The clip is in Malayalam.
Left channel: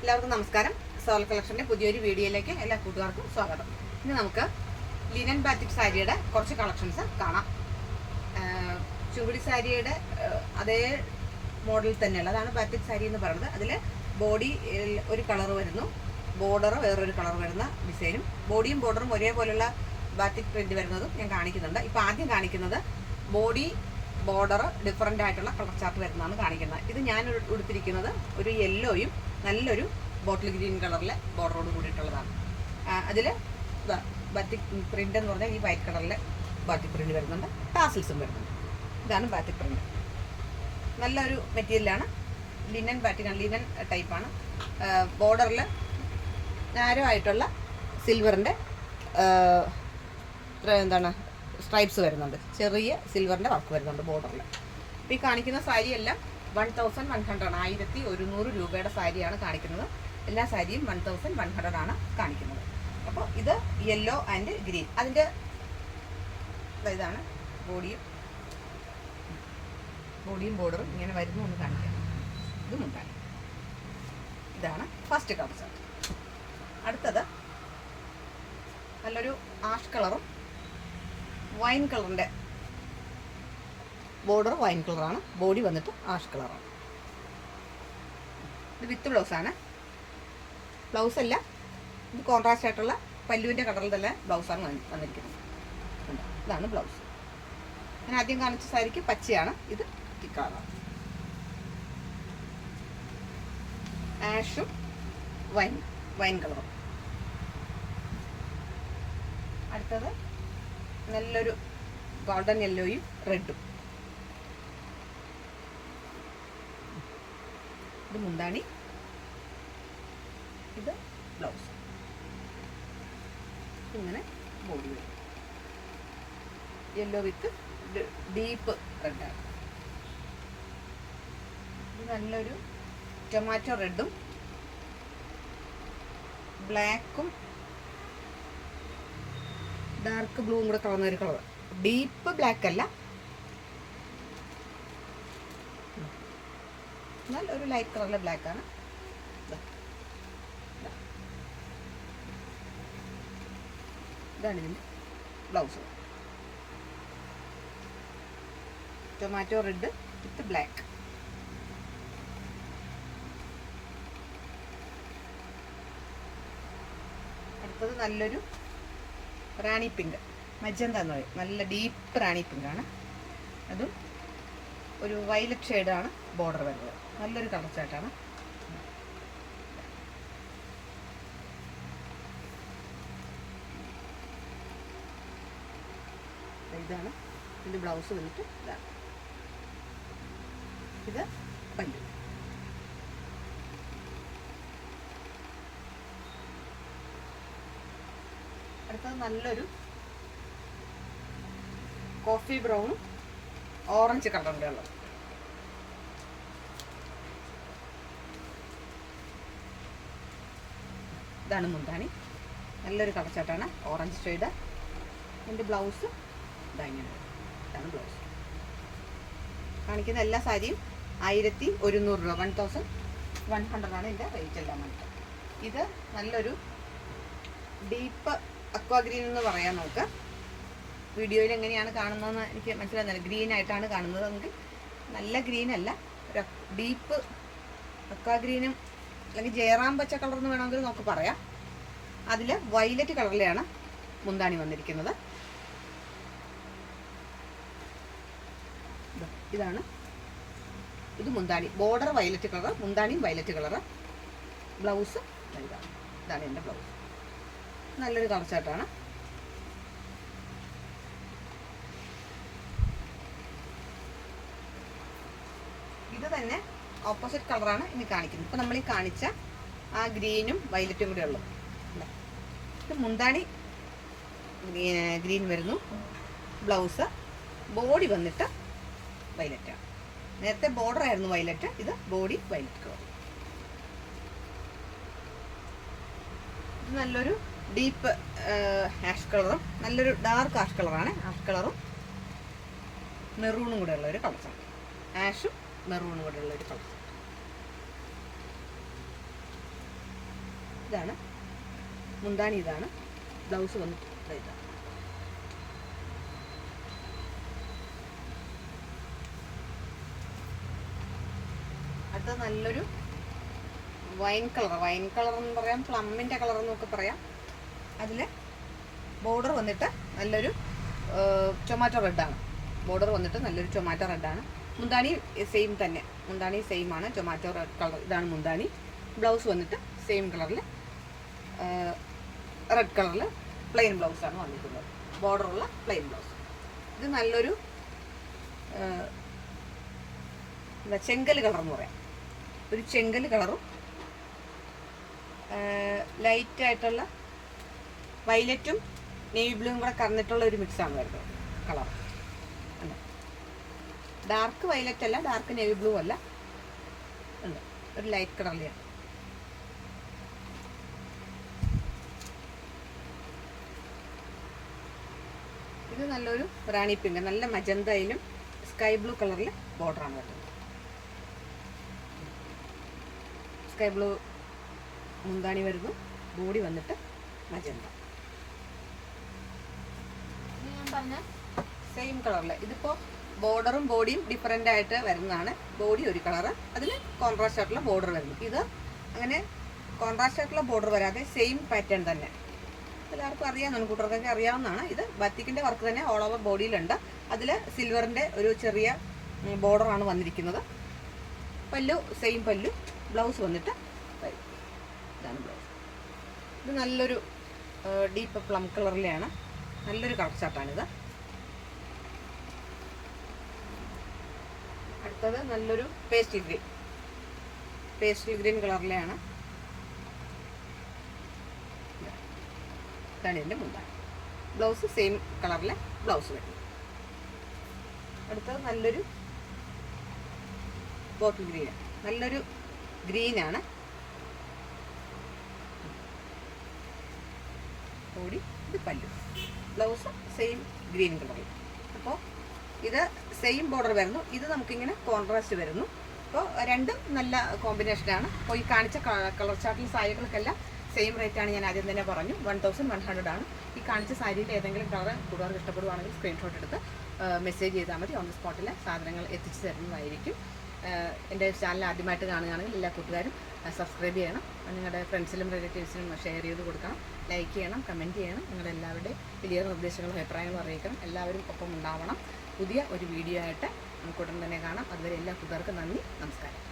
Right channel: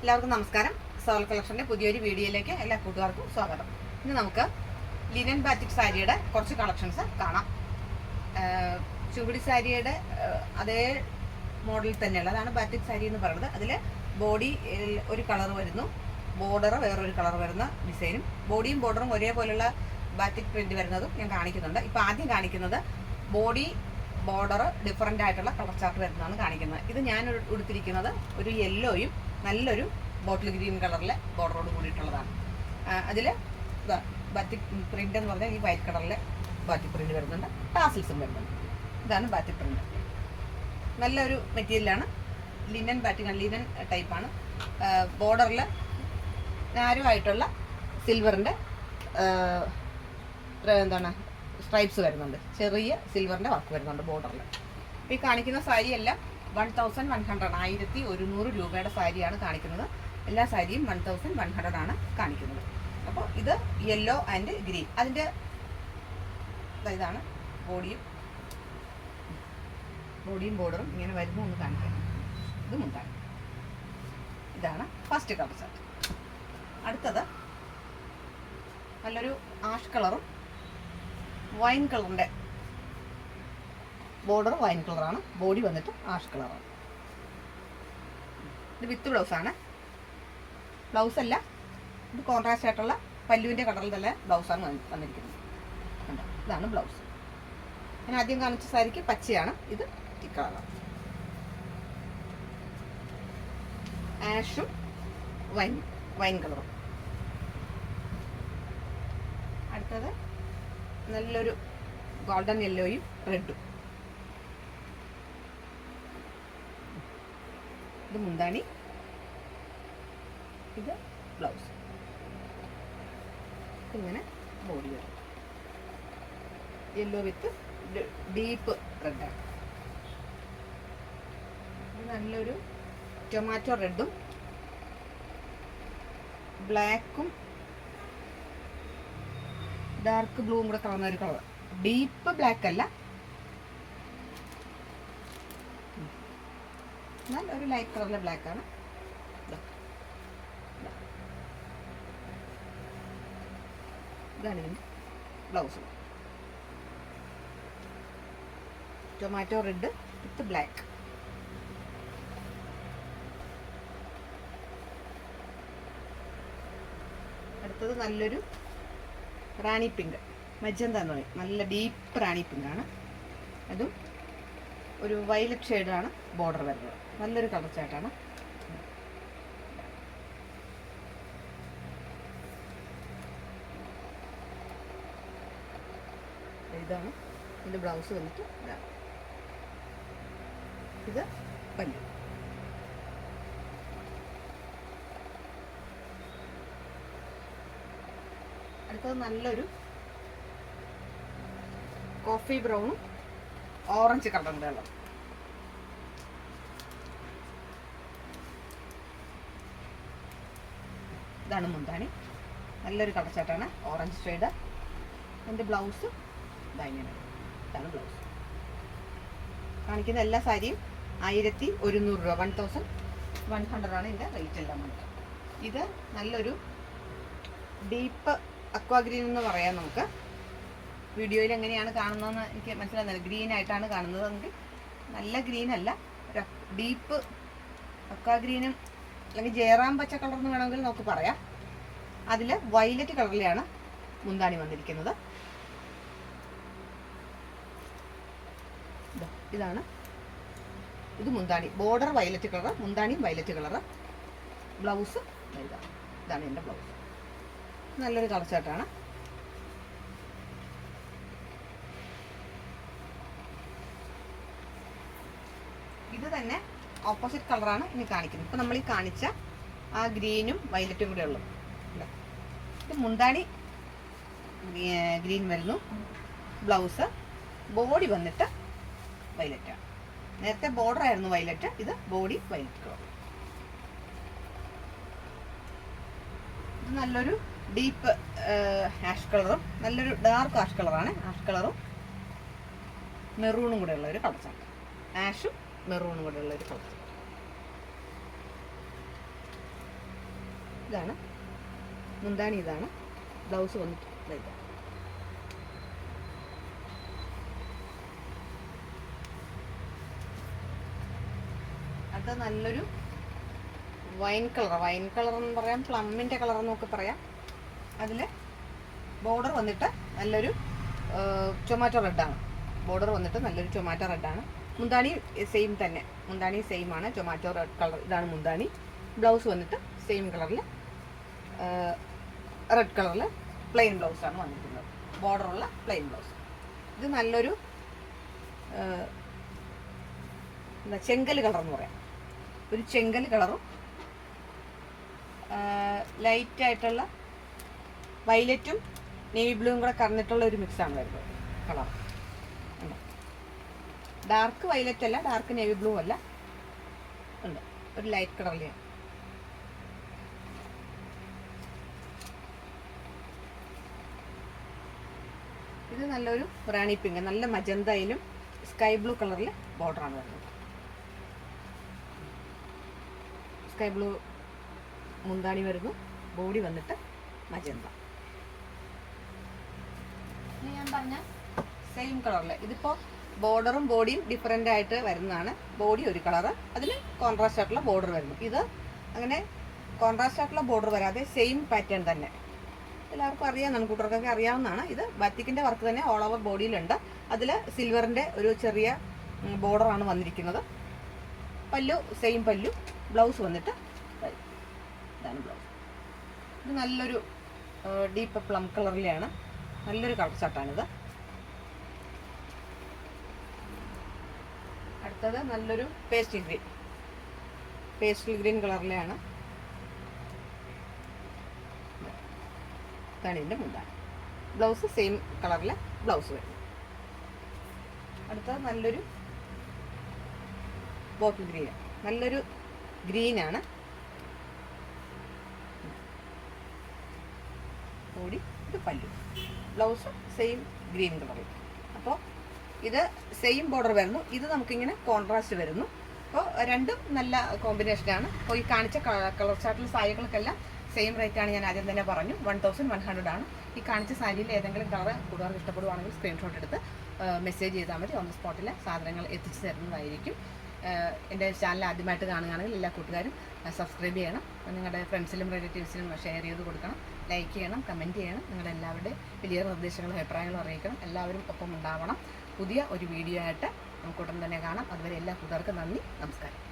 എല്ലാവർക്കും നമസ്കാരം. സോൾ കളക്ഷന്റെ പുതിയൊരു വീഡിയോയിലേക്ക് എല്ലാ കൂട്ടുകാർക്കും സ്വാഗതം. ഇന്ന് നമുക്ക് ലിനൻ ബാറ്റിക് സാരിയുടെ കുറച്ച് കളക്ഷൻസ് കാണാം. ചുവടി സാരിയുടെ അതേ മോഡൽ തന്നെയുള്ള അതാണ് ബാറ്റിക് സാരി എന്ന് പറയുന്നത്. അതിൽ ബോഡി ഒരു കളർ വരുന്നു, ബോർഡർ വേറൊരു കളർ വരുന്ന ഡിസൈനും, ബോഡിയും ബോർഡറും ഒരേപോലെയുള്ള ബാറ്റിക് പ്രിന്റ് വരുന്നതും ഞാൻ കാണിക്കുന്നുണ്ട്. ഇപ്പോൾ ആദ്യം കാണിക്കുന്നത് ബോഡി ബോർഡർ ഡിഫറൻ്റ് ആയിട്ടുള്ള കളർ ചാർട്ട് വരുന്നതാണ് കാണിക്കുന്നത്. ഇത് ഞാൻ ഉടുത്തിരിക്കുന്നത് ഒരു യെല്ലോയും നല്ലൊരു ബോട്ടിൽ ഗ്രീൻ കളറിലെ ബോർഡറോട് കൂടിയിട്ടുള്ളതാണ്. അതിൽ ബാറ്റിക് പ്രിന്റ് എന്ന് പറഞ്ഞാൽ ഈ വൈറ്റ് കളറിൽ ബാറ്റിക് പ്രിന്റ് വരുന്നുണ്ട്, ടാസിൽസും വരുന്നുണ്ട്. ഇതാണ് ബാറ്റിക് പ്രിന്റ്. നല്ലൊരു മെറ്റീരിയലാണ്, ലിനൻ ബാറ്റിക്, ലിനൻ ടൈപ്പാണ്. ബോർഡറിൽ നാരോ ആയിട്ടുള്ള സിൽവറിൻ്റെ എന്താണ് സ്ട്രൈപ്സ് വരുന്നുണ്ട്, ചെറിയ സിൽവറിൻ്റെ വർക്ക് വരുന്നുണ്ട് ബോർഡറിൽ. അപ്പോൾ ഈ കാണിക്കുന്ന സാരിയെല്ലാം 1100 1100 രൂപയുടെ സാരിയാണ് കാണിക്കുന്നത്. എല്ലാ സാരിയും 1100 ആണ് കാണിക്കുന്നത്. അപ്പോൾ ഇത് യെല്ലോ ആൻഡ് ഗ്രീൻ. അതിൻ്റെ ഇതാണ് ബോഡിയും ബോർഡറും ഇങ്ങനെ വരുന്നു എന്ന് കാണിക്കാം. ഇത് മുണ്ടാണ്. ഇതാണ് ഫസ്റ്റ് കളർ ചാർട്ട്. അടുത്തത് നല്ലൊരു ആഷ് കളറും വൈൻ കളറിൻ്റെ ബോർഡർ വൈൻ കളറാണ്, ബോഡി വന്നിട്ട് ആഷ് കളറാണ്. ഇത് വിത്ത് ബ്ലൗസാണ്. ബ്ലൗസ് അല്ല, ഇത് കോൺട്രാസ്റ്റ് ആയിട്ടുള്ള പല്ലുവിൻ്റെ കളറിൽ തന്നെ ബ്ലൗസാണ് വന്നിരിക്കുന്നത്. ഇതാണ് ബ്ലൗസ്. ഞാൻ ആദ്യം കാണിച്ച സാരിക്ക് പച്ചയാണ്, ഇത് കളറാണ്. ആഷും വൈൻ കളറും. അടുത്തത് നല്ലൊരു ഗോൾഡൻ യെല്ലോയും റെഡും. ഇത് മുന്താണി, ഇത് ബ്ലൗസ്. ഇങ്ങനെ ബോഡി വരും. യെല്ലോ വിത്ത് ഡീപ്പ് റെഡാണ്. ഇത് നല്ലൊരു ടൊമാറ്റോ റെഡും ബ്ലാക്കും ഡാർക്ക് ബ്ലൂവും കൂടെ കളർന്നൊരു കളർ. ഡീപ്പ് ബ്ലാക്ക് അല്ല, നല്ലൊരു ലൈറ്റ് കളറിലെ ബ്ലാക്കാണ്. ഇതാണ് ഇതിന് blouse. Tomato read with black. അടുത്തത് നല്ലൊരു റാണി പിങ്ക്, മജന്ത എന്ന് പറയും, നല്ല ഡീപ്പ് റാണി പിങ്കാണ്. അതും ഒരു വയലറ്റ് ഷെയ്ഡാണ് ബോർഡർ വരുന്നത്. നല്ലൊരു കളർ ചാർട്ടാണ്. ഇതാണ് ഇതിൻ്റെ ബ്ലൗസ് വന്നിട്ട് ഇതാണ്. ഇത് പല്ലു. അടുത്തത് നല്ലൊരു കോഫി ബ്രൗണും ഓറഞ്ച് കളറിൻ്റെ ഉള്ളത്. ഇതാണ് മുന്താണി. നല്ലൊരു കളർച്ചാട്ടാണ്, ഓറഞ്ച് ഷെയ്ഡ്. എൻ്റെ ബ്ലൗസ് ഇതാണ് ബ്ലൗസ്. കാണിക്കുന്ന എല്ലാ സാരിയും 1100 രൂപ, 1100 ആണ് ഇതിൻ്റെ റേറ്റ് എല്ലാം വന്നിട്ട്. ഇത് നല്ലൊരു ഡീപ്പ് അക്വാ ഗ്രീൻ എന്ന് പറയാം നമുക്ക്. വീഡിയോയിൽ എങ്ങനെയാണ് കാണുന്നതെന്ന് എനിക്ക് മനസ്സിലാകുന്നില്ല. ഗ്രീൻ ആയിട്ടാണ് കാണുന്നത്. നമുക്ക് നല്ല ഗ്രീൻ അല്ല, ഒരു ഡീപ്പ് അക്വാ ഗ്രീനും അല്ലെങ്കിൽ ജയറാം പച്ച കളർ എന്ന് വേണമെങ്കിൽ നമുക്ക് പറയാം. അതിൽ വയലറ്റ് കളറിലാണ് മുന്താണി വന്നിരിക്കുന്നത്. ഇതാണ് ഇത് മുന്താണി. ബോർഡർ വയലറ്റ് കളർ, മുന്താണിയും വയലറ്റ് കളർ. ബ്ലൗസ് ഇതാണ് എൻ്റെ ബ്ലൗസ്. നല്ലൊരു കളർ ചാർട്ടാണ്. ഇത് തന്നെ ഓപ്പോസിറ്റ് കളറാണ് ഇനി കാണിക്കുന്നത്. ഇപ്പം നമ്മൾ ഈ കാണിച്ച ആ ഗ്രീനും വയലറ്റും കൂടെ ഉള്ളത്. ഇത് മുന്താണി ഗ്രീൻ വരുന്നു, ബ്ലൗസ് ബോഡി വന്നിട്ട് വയലറ്റാണ്. നേരത്തെ ബോർഡർ ആയിരുന്നു വയലറ്റ്, ഇത് ബോഡി വയലറ്റ് കളർ. ഇത് നല്ലൊരു ഡീപ്പ് ആഷ് കളറും നല്ലൊരു ഡാർക്ക് ആഷ് കളറാണ്. ആഷ് കളറും മെറൂണും കൂടെ ഉള്ള ഒരു കളർ ചാർട്ട്. ആഷും മെറൂണും കൂടെ ഉള്ള ഒരു കളർ. ഇതാണ് മുന്താണി, ഇതാണ് ബ്ലൗസ് വന്നിട്ട് ഇതാണ്. അടുത്ത നല്ലൊരു വൈൻ കളർ എന്ന് പറയാം, പ്ലമ്മിൻ്റെ കളർ എന്നൊക്കെ പറയാം. അതിൽ ബോർഡർ വന്നിട്ട് നല്ലൊരു ടൊമാറ്റോ റെഡാണ്. ബോർഡർ വന്നിട്ട് നല്ലൊരു ടൊമാറ്റോ റെഡാണ്. മുന്താണി സെയിം തന്നെ, മുന്താണി സെയിം ആണ്, ടൊമാറ്റോ റെഡ് കളർ. ഇതാണ് മുന്താണി. ബ്ലൗസ് വന്നിട്ട് സെയിം കളറിൽ റെഡ് കളറിൽ പ്ലെയിൻ ബ്ലൗസാണ് വന്നിരിക്കുന്നത്, ബോർഡറുള്ള പ്ലെയിൻ ബ്ലൗസ്. ഇത് നല്ലൊരു എന്താ ചെങ്കൽ കളർ എന്ന് പറയാം, ഒരു ചെങ്കൽ കളറും ലൈറ്റായിട്ടുള്ള വയലറ്റും നേവി ബ്ലൂവും കൂടെ കറന്നിട്ടുള്ള ഒരു മിക്സാണ് വരുന്നത് കളർ. ഉണ്ട്, ഡാർക്ക് വയലറ്റ് അല്ല, ഡാർക്ക് നേവി ബ്ലൂ അല്ല, ഉണ്ട് ഒരു ലൈറ്റ് കളറിലാണ്. ഇത് നല്ലൊരു റാണി പിങ്ക്, നല്ല മജന്തയിലും സ്കൈ ബ്ലൂ കളറിൽ ബോർഡറാണ് വരുന്നത്. സ്കൈ ബ്ലൂ മുന്താണി വരുന്നു, ബോഡി വന്നിട്ട് മജന്ത. ഞാൻ പറഞ്ഞ സെയിം കളറിൽ ഇതിപ്പോൾ ബോർഡറും ബോഡിയും ഡിഫറെൻ്റ് ആയിട്ട് വരുന്നതാണ്. ബോഡി ഒരു കളറ്, അതിൽ കോൺട്രാസ്റ്റ് ആയിട്ടുള്ള ബോർഡർ വരുന്നു. ഇത് അങ്ങനെ കോൺട്രാസ്റ്റ് ആയിട്ടുള്ള ബോർഡർ വരാതെ സെയിം പാറ്റേൺ തന്നെ എല്ലാവർക്കും അറിയാവുന്നതാണ്, കൂട്ടർക്കൊക്കെ അറിയാവുന്നതാണ്. ഇത് ബാത്തിക്കിൻ്റെ വർക്ക് തന്നെ ഓൾ ഓവർ ബോഡിയിലുണ്ട്. അതിൽ സിൽവറിൻ്റെ ഒരു ചെറിയ ബോർഡറാണ് വന്നിരിക്കുന്നത്. പല്ലു സെയിം പല്ലു, ബ്ലൗസ് വന്നിട്ട് ഇതാണ് ബ്ലൗസ്. ഇത് നല്ലൊരു ഡീപ്പ് പ്ലം കളറിലെയാണ്, നല്ലൊരു കളർ ചാർട്ടാണിത്. അടുത്തത് നല്ലൊരു പേസ്റ്റൽ ഗ്രീൻ കളറിലെയാണ്. ഇതാണ് ഇതിൻ്റെ മുന്താണി. ബ്ലൗസ് സെയിം കളറിലെ ബ്ലൗസ് വരുന്നു. അടുത്തത് നല്ലൊരു ബോട്ടിൽ ഗ്രീൻ, നല്ലൊരു ഗ്രീനാണ്. കൂടി ഇത് പല്ലു, ബ്ലൗസ് സെയിം ഗ്രീൻ കളറിൽ. അപ്പോൾ ഇത് സെയിം ബോർഡർ വരുന്നു, ഇത് നമുക്കിങ്ങനെ കോൺട്രാസ്റ്റ് വരുന്നു. അപ്പോൾ രണ്ടും നല്ല കോമ്പിനേഷനാണ്. അപ്പോൾ ഈ കാണിച്ച കളർ ചാർട്ടിൽ സാരികൾക്കെല്ലാം സെയിം റേറ്റാണ്, ഞാൻ ആദ്യം തന്നെ പറഞ്ഞു, 1100 ആണ്. ഈ കാണിച്ച സാരിയിൽ ഏതെങ്കിലും കളർ കൂടുതൽ ഇഷ്ടപ്പെടുവാണെങ്കിൽ സ്ക്രീൻഷോട്ട് എടുത്ത് മെസ്സേജ് ചെയ്താൽ മതി. ഓൺ ദി സ്പോട്ടിൽ സാധനങ്ങൾ എത്തിച്ചു തരുന്നതായിരിക്കും. എൻ്റെ ചാനൽ ആദ്യമായിട്ട് കാണുകയാണെങ്കിൽ എല്ലാ കൂട്ടുകാരും സബ്സ്ക്രൈബ് ചെയ്യണം, നിങ്ങളുടെ ഫ്രണ്ട്സിലും റിലേറ്റീവ്സിനും ഷെയർ ചെയ്ത് കൊടുക്കണം, ലൈക്ക് ചെയ്യണം, കമൻറ്റ് ചെയ്യണം. നിങ്ങളെല്ലാവരുടെയും വലിയ നിർദ്ദേശങ്ങളും അഭിപ്രായങ്ങളും അറിയിക്കണം. എല്ലാവരും ഒപ്പം ഉണ്ടാവണം. പുതിയ ഒരു വീഡിയോ ആയിട്ട് നമുക്ക് ഉടൻ തന്നെ കാണാം. അതുവരെ എല്ലാ കൂട്ടുകാർക്കും നന്ദി, നമസ്കാരം.